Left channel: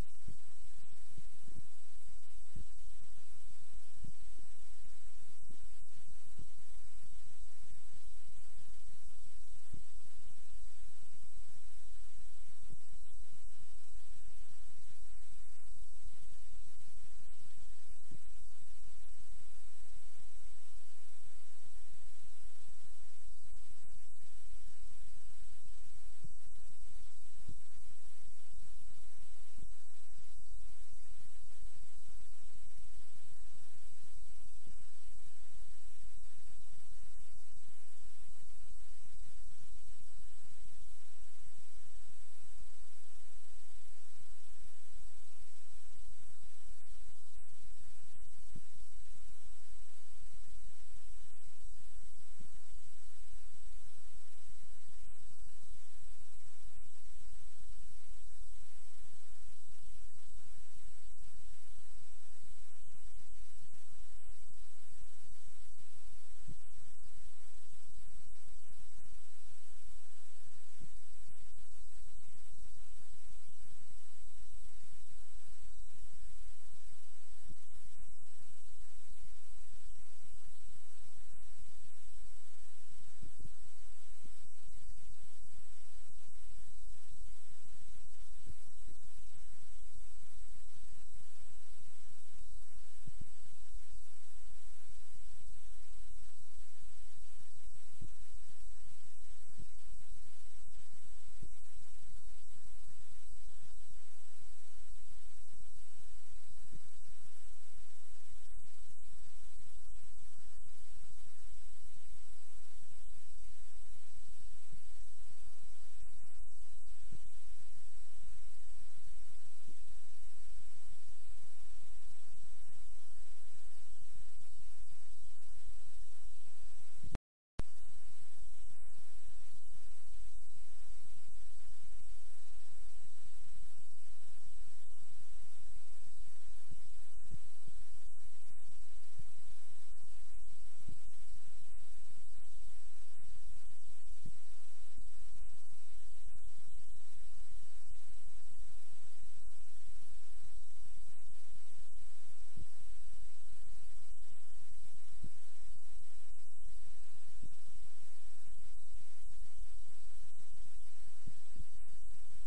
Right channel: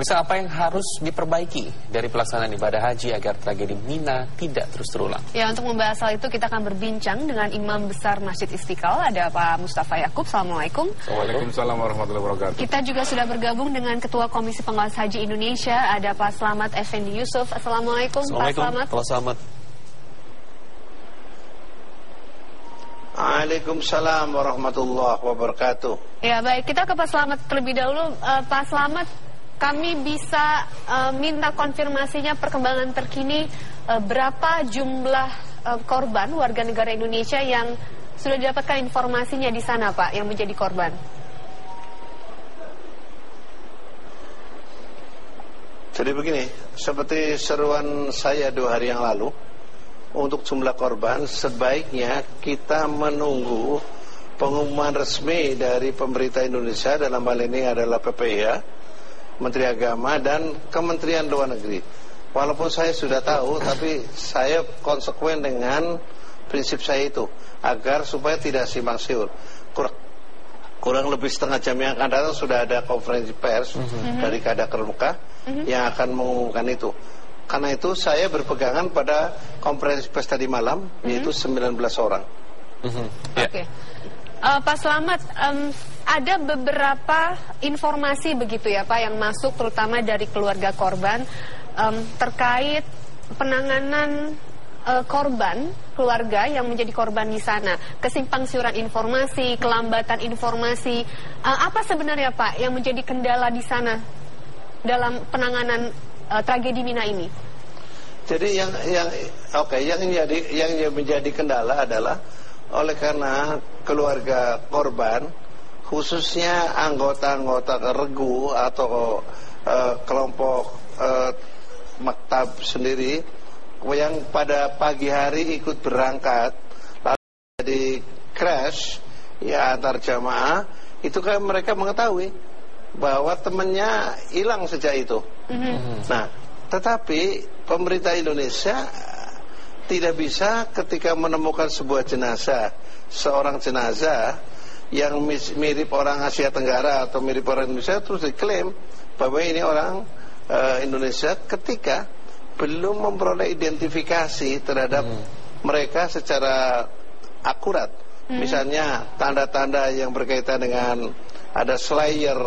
Pemirsa, apa yang harus diperbaiki dari pelaksanaan ibadah haji agar tragedi Mina tidak terus terulang? Ya, untuk membahas hal itu kita akan berbincang dengan Imam Besar Masjid Istiqlal, ada Pak Mustafa Yakub. Assalamualaikum. Waalaikumsalam warahmatullahi wabarakatuh. Kita juga sudah bergabung dengan Ketua Komisi Pengawas Haji Indonesia, ada Pak Slamet Effendi Yusuf. Assalamualaikum, Pak Slamet. Pak Slamet. Waalaikumsalam warahmatullahi wabarakatuh. Ya, baik, kita ke Pak Slamet terlebih dahulu. Pak Slamet, kami bisa minta konfirmasinya perkembangan terkini berapa jumlah korban warga negara Indonesia yang sudah didapatkan informasinya di sana, Pak, yang menjadi korban. Jadi begini, seperti seruan saya 2 hari yang lalu, untuk jumlah korban sebaiknya kita menunggu pengumuman resmi dari pemerintah Indonesia, dalam hal ini adalah PPIH, Menteri Agama dan Kementerian Luar Negeri. Walaupun saya sudah tahu, tapi saya konsekuen dengan prinsip saya itu, agar supaya tidak simpang siur. Kurang lebih setengah jam yang akan datang sudah ada konferensi pers dari Kadaker Mekah yang akan mengumumkan itu. Karena itu saya berpegangan pada konferensi pers tadi malam, yaitu 19 orang. Oke. Pak Slamet, ada beberapa informasi begitu ya Pak yang masuk terutama dari keluarga korban terkait penanganan korban keluarga yang menjadi korban di sana, kesimpang siuran informasi, kelambatan informasi. Apa sebenarnya Pak yang menjadi kendala di sana dalam penanganan tragedi Mina ini? Jadi yang menjadi kendala adalah oleh karena keluarga korban, khususnya anggota-anggota regu atau kelompok maktab sendiri yang pada pagi hari ikut berangkat lalu jadi crash ya antar jamaah, itu kan mereka mengetahui bahwa temannya hilang sejak itu. Nah, tetapi pemerintah Indonesia tidak bisa ketika menemukan sebuah jenazah, seorang jenazah yang mirip orang Asia Tenggara atau mirip orang Indonesia, terus diklaim bahwa ini orang Indonesia ketika belum memperoleh identifikasi terhadap mereka secara akurat. Misalnya tanda-tanda yang berkaitan dengan ada slayer,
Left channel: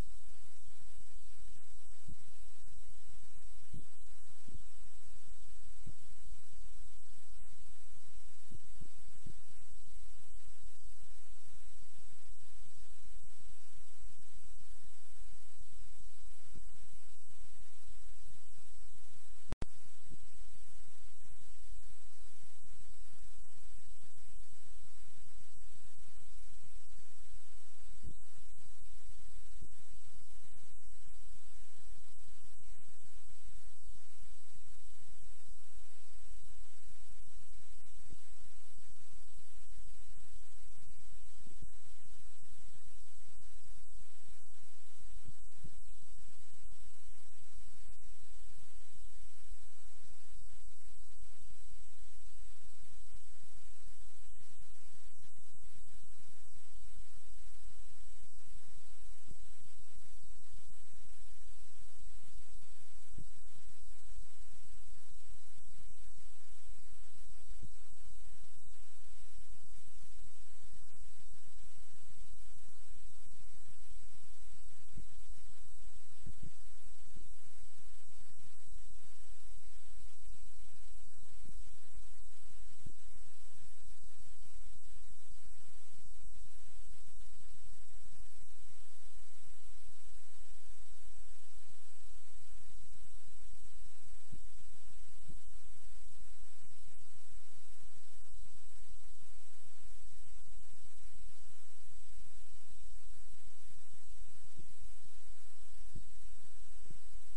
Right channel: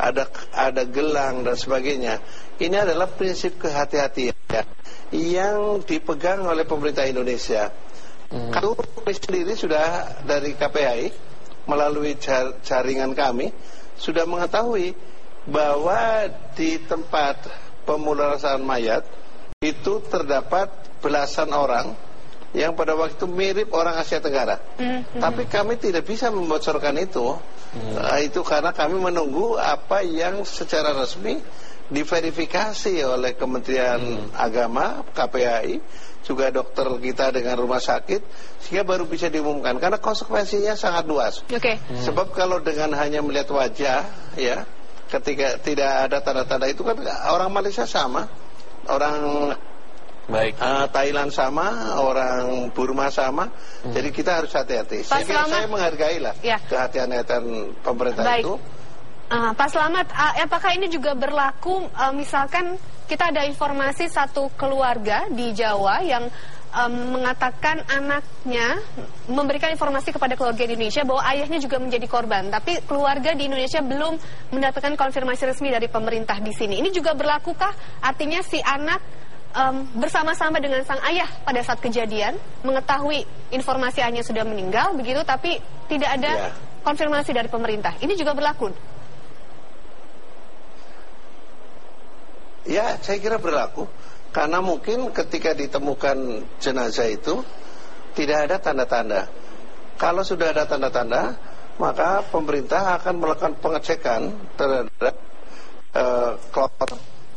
ada gelang dan sebagainya. Ini adalah prinsip kehati-hatian yang dipegang oleh pemerintah Indonesia. Kami sendiri sudah dari KPAI melalui jaringan kami sudah mengetahui bahwa di tempat pemulasaran mayat itu terdapat belasan orang yang pada waktu itu mirip orang Asia Tenggara. Tapi kami tidak bisa membocorkan itu. Itu karena kami menunggu apa yang secara resmi diverifikasi oleh Kementerian Agama, KPAI, juga dokter kita dengan rumah sakit, sehingga baru bisa diumumkan. Karena konsekuensinya sangat luas. Sebab kalau dengan hanya melihat wajah, ya, ketika tidak ada tanda-tanda itu kan orang Malaysia sama, orang Thailand sama, orang Burma sama. Jadi kita harus hati-hati. Saya menghargai lah kehati-hatian pemerintah itu. Pak Slamet, apakah ini juga berlaku misalkan kita ada informasi satu keluarga di Jawa yang mengatakan anaknya memberikan informasi kepada keluarga di Indonesia bahwa ayahnya juga menjadi korban, tapi keluarga di Indonesia belum mendapatkan konfirmasi resmi dari pemerintah di sini. Ini juga berlakukah? Artinya si anak bersama-sama dengan sang ayah pada saat kejadian mengetahui informasi ayahnya sudah meninggal begitu, tapi tidak ada konfirmasi dari pemerintah. Ini juga berlaku? Ya, saya kira berlaku. Karena mungkin ketika ditemukan jenazah itu tidak ada tanda-tanda. Kalau sudah ada tanda-tanda, maka pemerintah akan melakukan pengecekan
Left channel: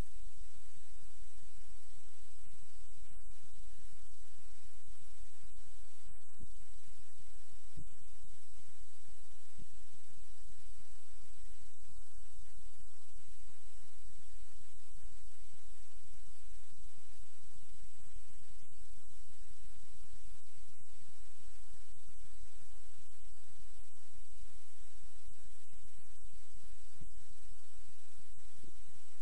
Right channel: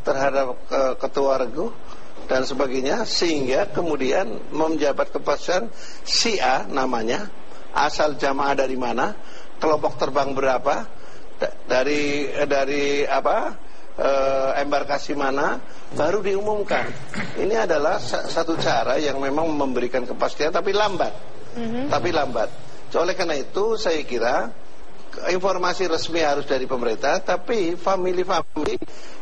terhadap ketua regu dan sebagainya, sehingga kemudian menjabat kepastian si A namanya, asal jamaah dari mana, kelompok terbang berapa, dari embarkasi mana, baru diumumkan. Ini adalah satu cara yang memang memberikan kepastian, tapi lambat. Oleh karena itu saya kira informasi resmi harus dari pemerintah, tapi family-family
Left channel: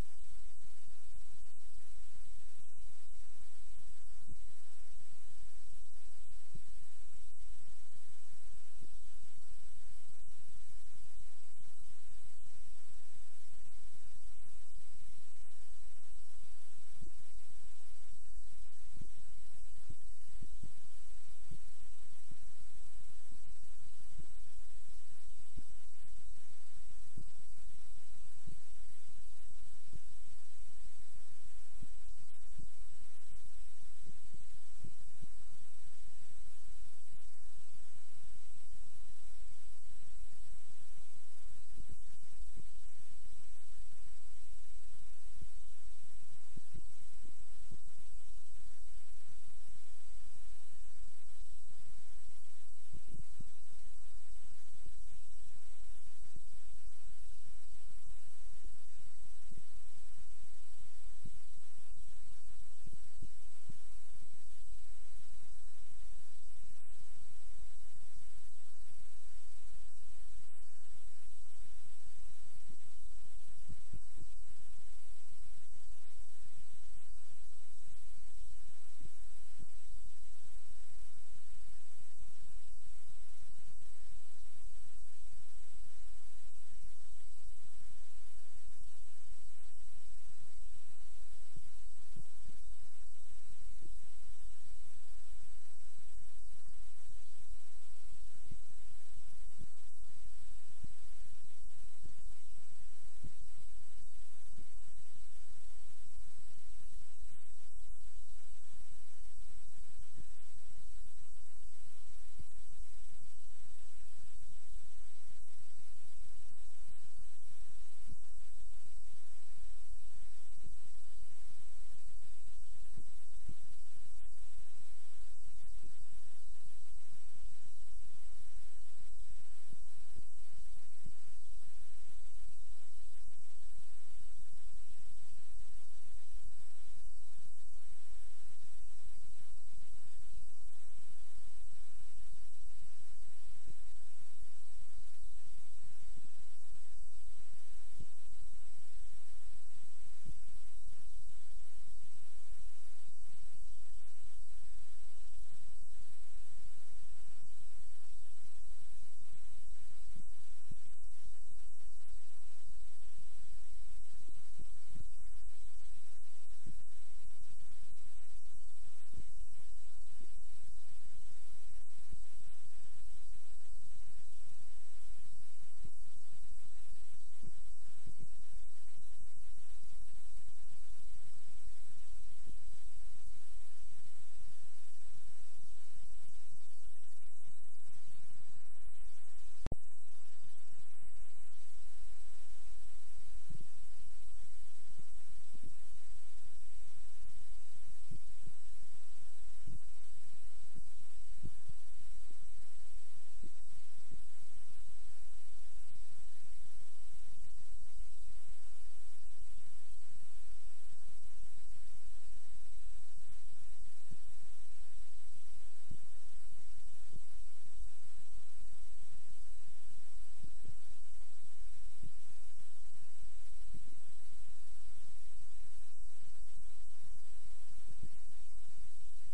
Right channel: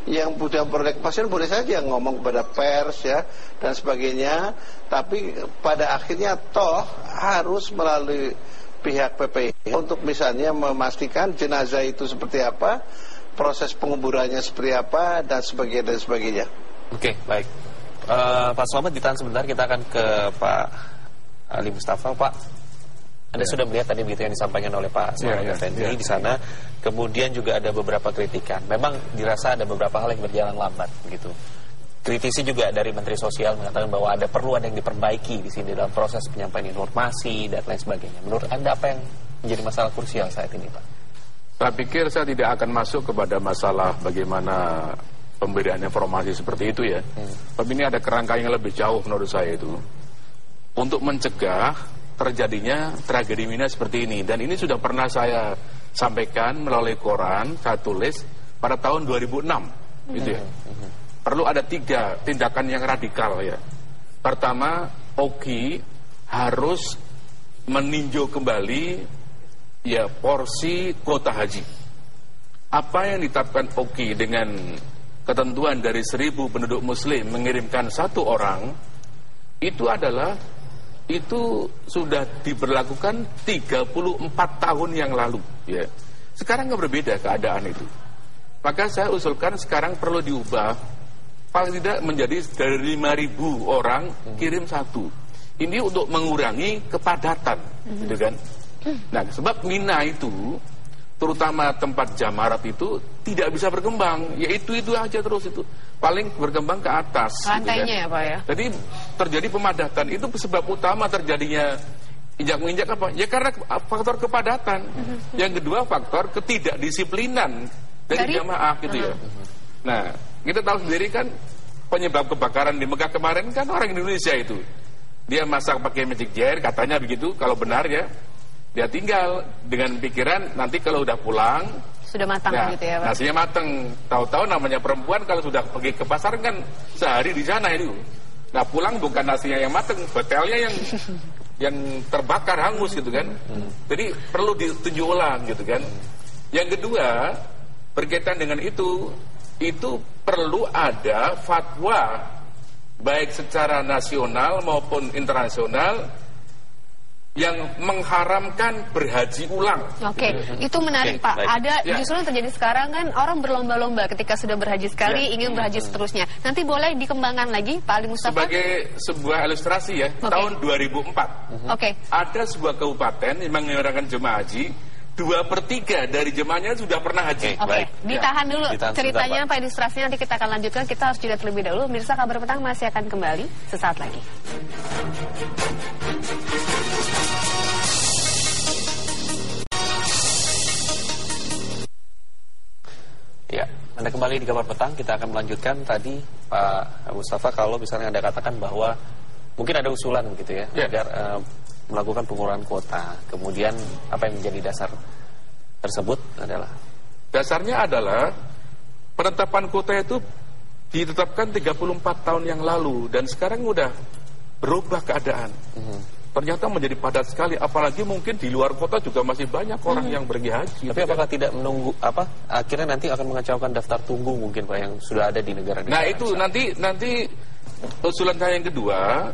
yang sudah memperoleh kepastian boleh saja ngomong kepada pers ya dan sebagainya, tapi pada akhirnya toh harus melalui pihak PPI untuk misalnya memastikan jenazah itu seperti apa, proses penguburannya seperti apa, dan sebagainya. Oke, baik. Pak Slamet, ditahan sebentar, kita akan ke Pak Ali Mustafa. Pak, Anda sudah melihat tadi begitu yang disampaikan oleh Pak Slamet Effendi di sana. Kemudian juga ada beberapa kritikan. Memang dirasa ada beberapa hal yang berjalan lambat begitu. Kritisi juga dari Menteri Sosial mengatakan bahwa perlu ada yang diperbaiki di sini dalam proses penyampaian informasi dan lain sebagainya. Menurut Anda apa yang menjadi masalah krusial saat ini, Pak? Saya pikir saya tidak akan masuk kepada masalah bagaimana pemberian informasi seperti itu ya. Tapi ini ada kerangka yang lebih jauh menurut saya itu. Untuk mencegah terjadinya tragedi Mina seperti ini. Dan ini sudah pernah saya sampaikan melalui koran, saya tulis pada tahun 2006 gitu ya. Perlu ada 3 tindakan yang radikal ya. Pertama, OKI harus meninjau kembali ya porsi kuota haji. Apa yang ditetapkan OKI dengan ketentuan dari 1000 penduduk muslim mengirimkan 1 orang, itu sudah diberlakukan 34 tahun yang lalu ya. Sekarang nggak berbeda keadaan itu. Maka saya usulkan sekarang perlu diubah, paling tidak menjadi dari 5.000 orang kirim 1. Ini untuk mengurangi kepadatan gitu kan. Nah, sebab Mina itu terutama tempat jamarat itu tidak bisa berkembang, yaitu aja terus itu. Paling berkembang ke atas lantainya gitu kan. ya Pak ya. Jadi terjadi pemadatan, itu sebab utama terjadinya injak-menginjak apa? Ya karena faktor kepadatan. Yang kedua faktor ketidakdisiplinan dari jamaah gitu ya. Nah, kita tahu sendiri kan penyebab kebakaran di Mekah kemarin kan orang Indonesia itu. Dia masak pakai magic jar, katanya begitu kalau benar ya. Dia tinggal dengan pikiran nanti kalau udah pulang sudah matang gitu ya Pak. Nasinya matang. Tahu-tahu namanya perempuan kalau sudah pergi ke pasar kan sehari di sana itu. Nah, pulang bukan nasinya yang matang, hotelnya yang terbakar hangus gitu kan. Jadi perlu ditinjau ulang gitu kan. Yang kedua, berkaitan dengan itu perlu ada fatwa baik secara nasional maupun internasional yang mengharamkan berhaji ulang. Oke, itu menarik Pak. Ada justru yang terjadi sekarang kan orang berlomba-lomba ketika sudah berhaji sekali ingin berhaji seterusnya. Nanti boleh dikembangkan lagi Pak Ali Mustafa? Sebagai sebuah ilustrasi ya, tahun 2004 ada sebuah kabupaten yang menyelenggarakan jemaah haji, 2/3 dari jemaahnya sudah pernah haji. Ditahan dulu ceritanya Pak, ilustrasinya nanti kita akan lanjutkan. Kita harus jeda terlebih dahulu. Mirsa, Kabar Petang masih akan kembali sesaat lagi. Ya, Anda kembali di Kabar Petang. Kita akan melanjutkan tadi Pak Mustafa, kalau misalnya Anda katakan bahwa mungkin ada usulan begitu ya, agar melakukan pengurangan kuota. Kemudian apa yang menjadi dasar tersebut adalah? Dasarnya adalah penetapan kuota itu ditetapkan 34 tahun yang lalu dan sekarang udah berubah keadaan. Ternyata menjadi padat sekali, apalagi mungkin di luar kota juga masih banyak orang yang pergi haji. Tapi apakah tidak menunggu akhirnya nanti akan mengacaukan daftar tunggu mungkin Pak yang sudah ada di negara-negara? Nah, itu nanti usulan saya yang kedua,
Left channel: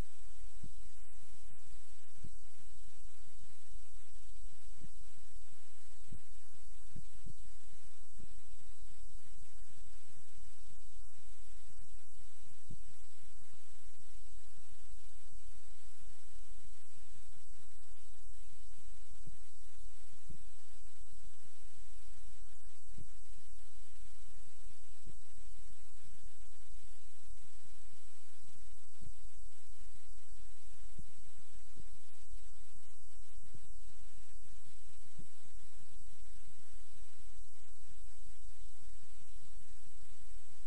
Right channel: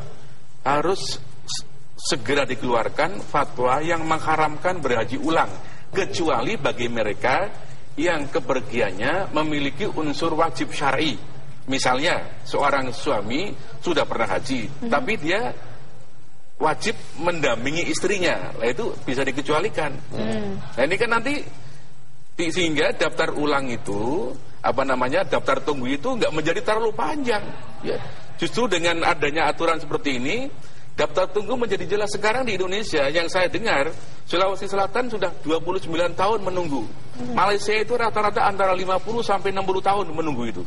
harus segera dikeluarkan fatwa yang mengharamkan berhaji ulang, kecuali bagi mereka yang kepergiannya memiliki unsur wajib syar'i. Misalnya seorang suami sudah pernah haji, tapi dia wajib mendampingi istrinya, lah itu bisa dikecualikan. Nah, ini kan nanti sehingga daftar ulang itu daftar tunggu itu nggak menjadi terlalu panjang. Ya, justru dengan adanya aturan seperti ini, daftar tunggu menjadi jelas. Sekarang di Indonesia yang saya dengar, Sulawesi Selatan sudah 29 tahun menunggu. Malaysia itu rata-rata antara 50 sampai 60 tahun menunggu itu.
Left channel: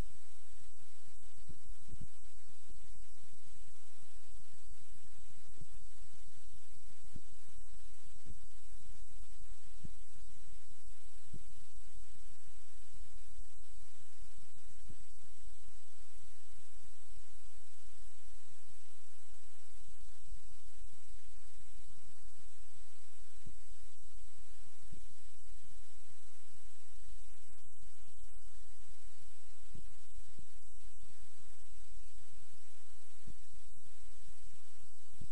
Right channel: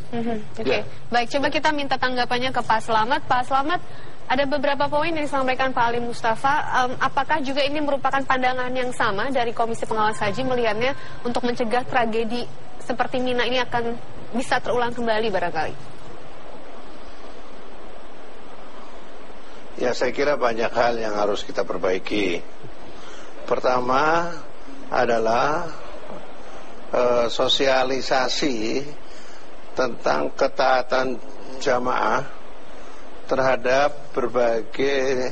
Baik, coba kita minta tanggapannya ke Pak Slamet. Pak Slamet, ada beberapa poin yang disampaikan Pak Ali Mustafa. Apakah juga ini merupakan pandangan yang sama dari Komisi Pengawas Haji melihatnya untuk mencegah tragedi seperti Mina ini akan bisa terulang kembali barangkali? Ya, saya kira banyak hal yang harus kita perbaiki. Pertama adalah sosialisasi tentang ketaatan jamaah terhadap berbagai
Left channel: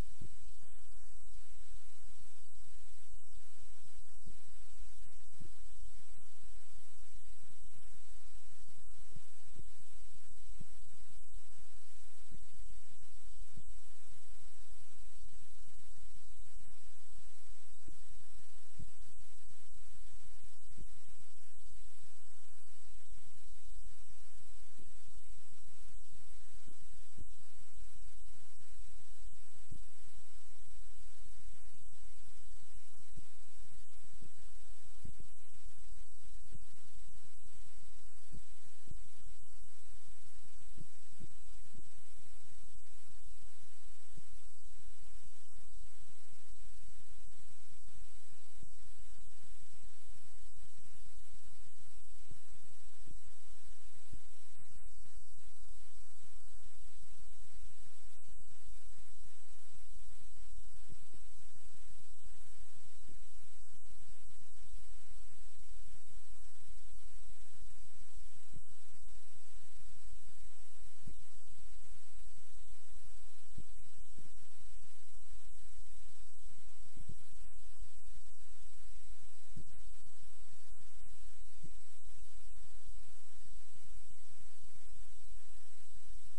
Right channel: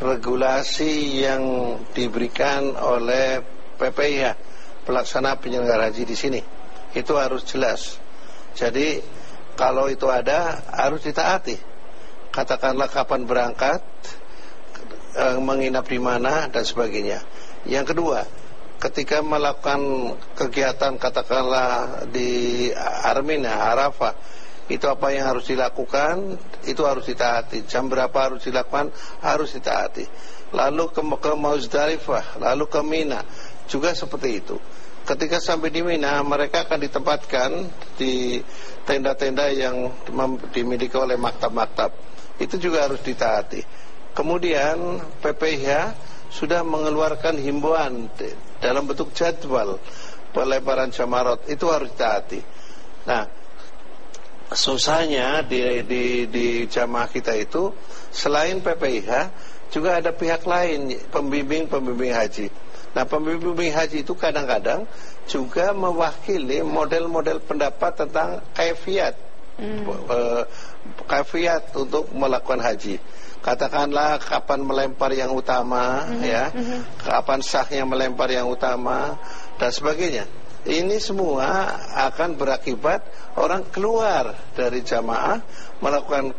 regulasi yang diberikan oleh PPIH, pelaksana penyelenggara haji di sini. Itu harus jelas. Jadi kalau itu ada harus ditaati. Katakanlah kapan berangkat, menginap di mana dan sebagainya. Yang kedua, ketika melakukan kegiatan katakanlah di Arafah, itu apa yang harus dilakukan, itu harus ditaati. Jam berapa harus dilakukan, harus ditaati. Lalu ke Muzdalifah, lalu ke Mina, juga seperti itu. Ketika sampai di Mina, mereka akan ditempatkan di tenda-tenda yang dimiliki oleh maktab-maktab. Itu juga harus ditaati. Kemudian PPIH sudah mengeluarkan himbauan dalam bentuk jadwal pelebaran jamarot, itu harus ditaati. Nah, susahnya di jamaah kita itu selain PPIH juga ada pihak lain, pembimbing haji. Nah, pembimbing haji itu kadang-kadang juga mewakili model-model pendapat tentang kaifiat untuk melakukan haji. Katakanlah kapan melempar yang utama, kapan sahnya melempar yang utama dan sebagainya. Ini semua akan berakibat orang keluar dari jamaah melakukan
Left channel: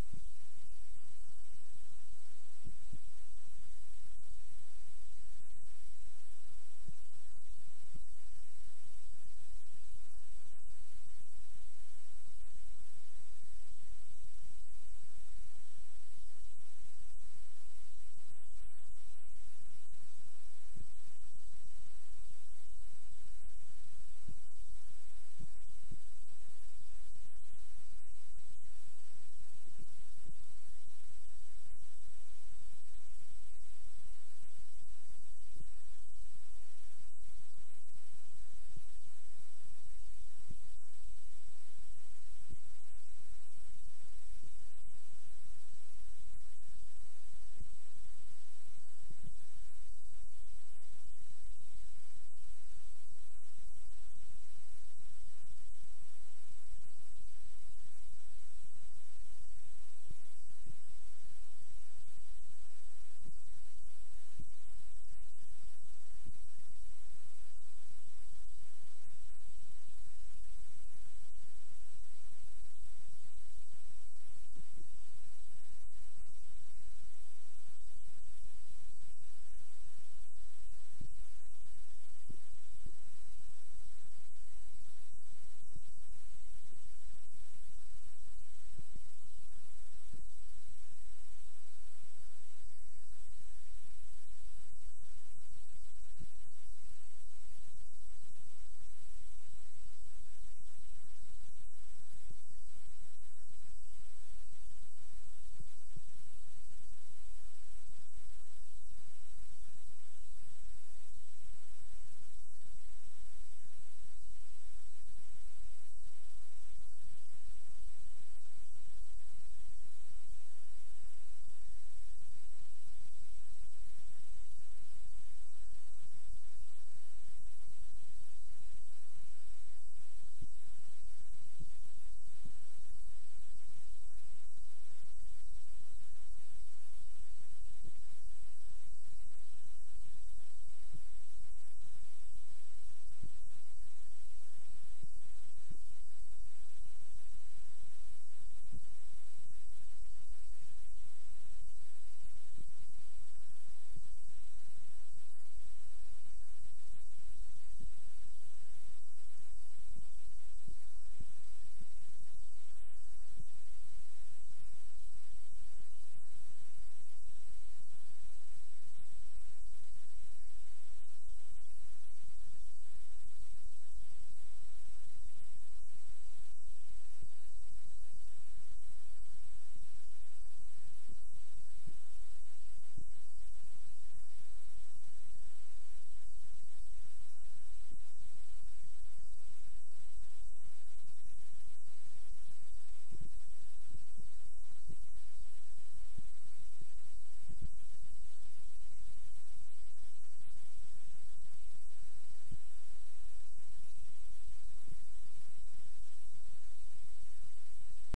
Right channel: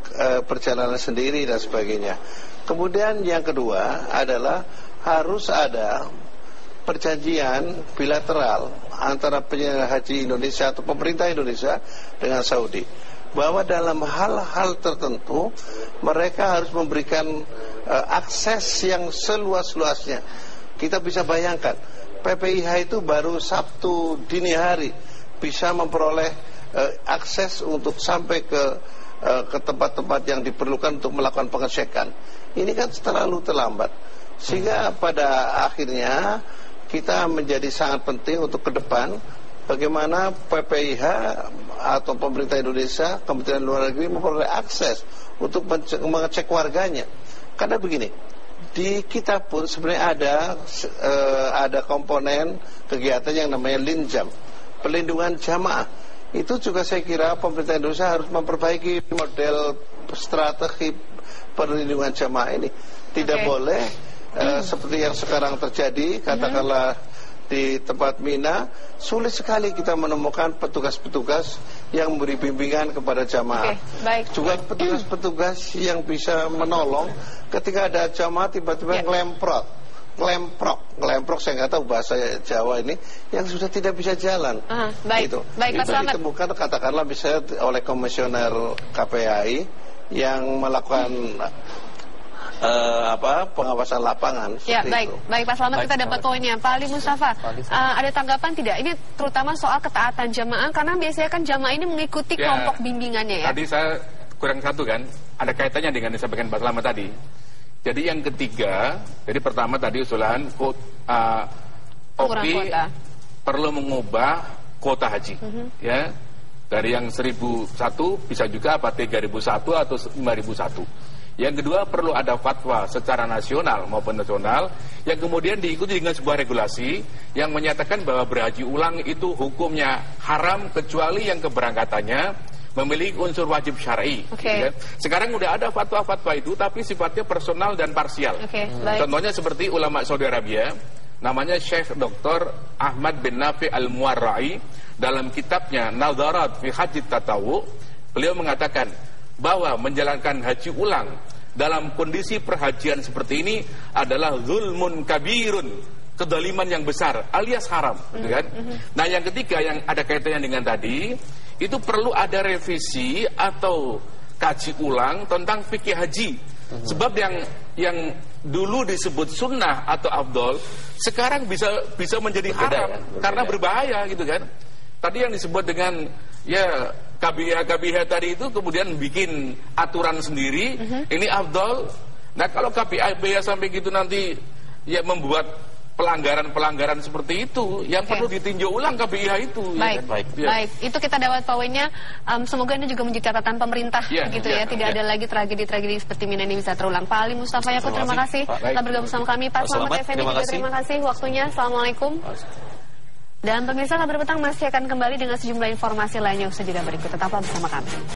perjalanan sendiri dan sebagainya. Kemudian yang kedua adalah harus ada perjanjian bilateral antara penyelenggara haji Indonesia atau pemerintah Indonesia dengan Saudi, bahwa dalam hal-hal tertentu mereka harus memberikan akses yang seluas-luasnya. Kita bisa bayangkan PPIH itu baru Sabtu dini hari bisa memperoleh akses untuk sampai ke tempat-tempat yang diperlukan untuk melakukan pengecekan. Ini kan terlalu terlambat. Sehingga pada akhirnya kita menjadi sangat penting untuk ke depan bagaimana PPIH atau pemerintah Indonesia, Kementerian Luar Negeri memperoleh akses untuk mengecek warganya. Karena begini, di kita pun sebenarnya ada komponen kegiatan yang namanya linjam, perlindungan jamaah. Itu juga saya kira pemerintah Indonesia harus memperbaiki model strategi perlindungan jamaah ini. Tidak boleh seperti yang sekarang terjadi, katakanlah di tempat Mina, sulit sekali kita menemukan petugas-petugas yang memberi bimbingan kepada jamaah. Juga petugas-petugas yang bisa menolong ketika ada jamaah tiba-tiba ngelemprok, saya nggak tahu bahasa Jawa ini, yang sudah tidak bisa jalan. Itu ditemukan katakanlah bisa oleh komisioner KPAI yang melakukan pengawasan lapangan. Ya, baik, Pak Slamet, kita dapat poinnya. Pak Ali Mustafa, ada tanggapan tidak? Ini terutama soal ketaatan jamaah, karena biasanya kan jamaah ini mengikuti kelompok bimbingannya ya. Tadi saya kurang satu kan, ada kaitannya dengan yang disampaikan Pak Slamet tadi. Jadi yang ketiga, jadi pertama tadi usulan OPI perlu mengubah kuota haji, ya, dari yang 1.001 bisa juga 3.001 atau 5.001. Yang kedua, perlu ada fatwa secara nasional maupun nasional yang kemudian diikuti dengan sebuah regulasi yang menyatakan bahwa berhaji ulang itu hukumnya haram kecuali yang keberangkatannya memiliki unsur wajib syar'i. Ya. Sekarang udah ada fatwa-fatwa itu tapi sifatnya personal dan parsial. Contohnya seperti ulama Saudi Arabia, namanya Syekh Dr. Ahmad bin Nafi Al-Muwarra'i, dalam kitabnya Nadharat fi Haji Tatawu, beliau mengatakan bahwa menjalankan haji ulang dalam kondisi perhajian seperti ini adalah zulmun kabirun, kezaliman yang besar alias haram, gitu kan? Nah, yang ketiga yang ada kaitannya dengan tadi, itu perlu ada revisi atau kaji ulang tentang fikih haji. Sebab yang dulu disebut sunnah atau afdol sekarang bisa menjadi haram karena berbahaya, gitu kan? Tadi yang disebut dengan KBH tadi itu kemudian bikin aturan sendiri, ini afdol. Nah, kalau KBH sampai gitu nanti ya membuat pelanggaran seperti itu, yang perlu ditinjau ulang KBH itu. Baik. Itu kita dapat poinnya. Semoga ini juga menjadi catatan pemerintah, tidak ada lagi tragedi-tragedi seperti Mina ini bisa terulang. Pak Ali Mustafa Yaakub, terima kasih telah bergabung sama kami. Pak Slamet Effendi juga terima kasih waktunya. Assalamualaikum. Dan pemirsa Kabar Petang masih akan kembali dengan sejumlah informasi lainnya usaha jeda berikut. Tetaplah bersama kami.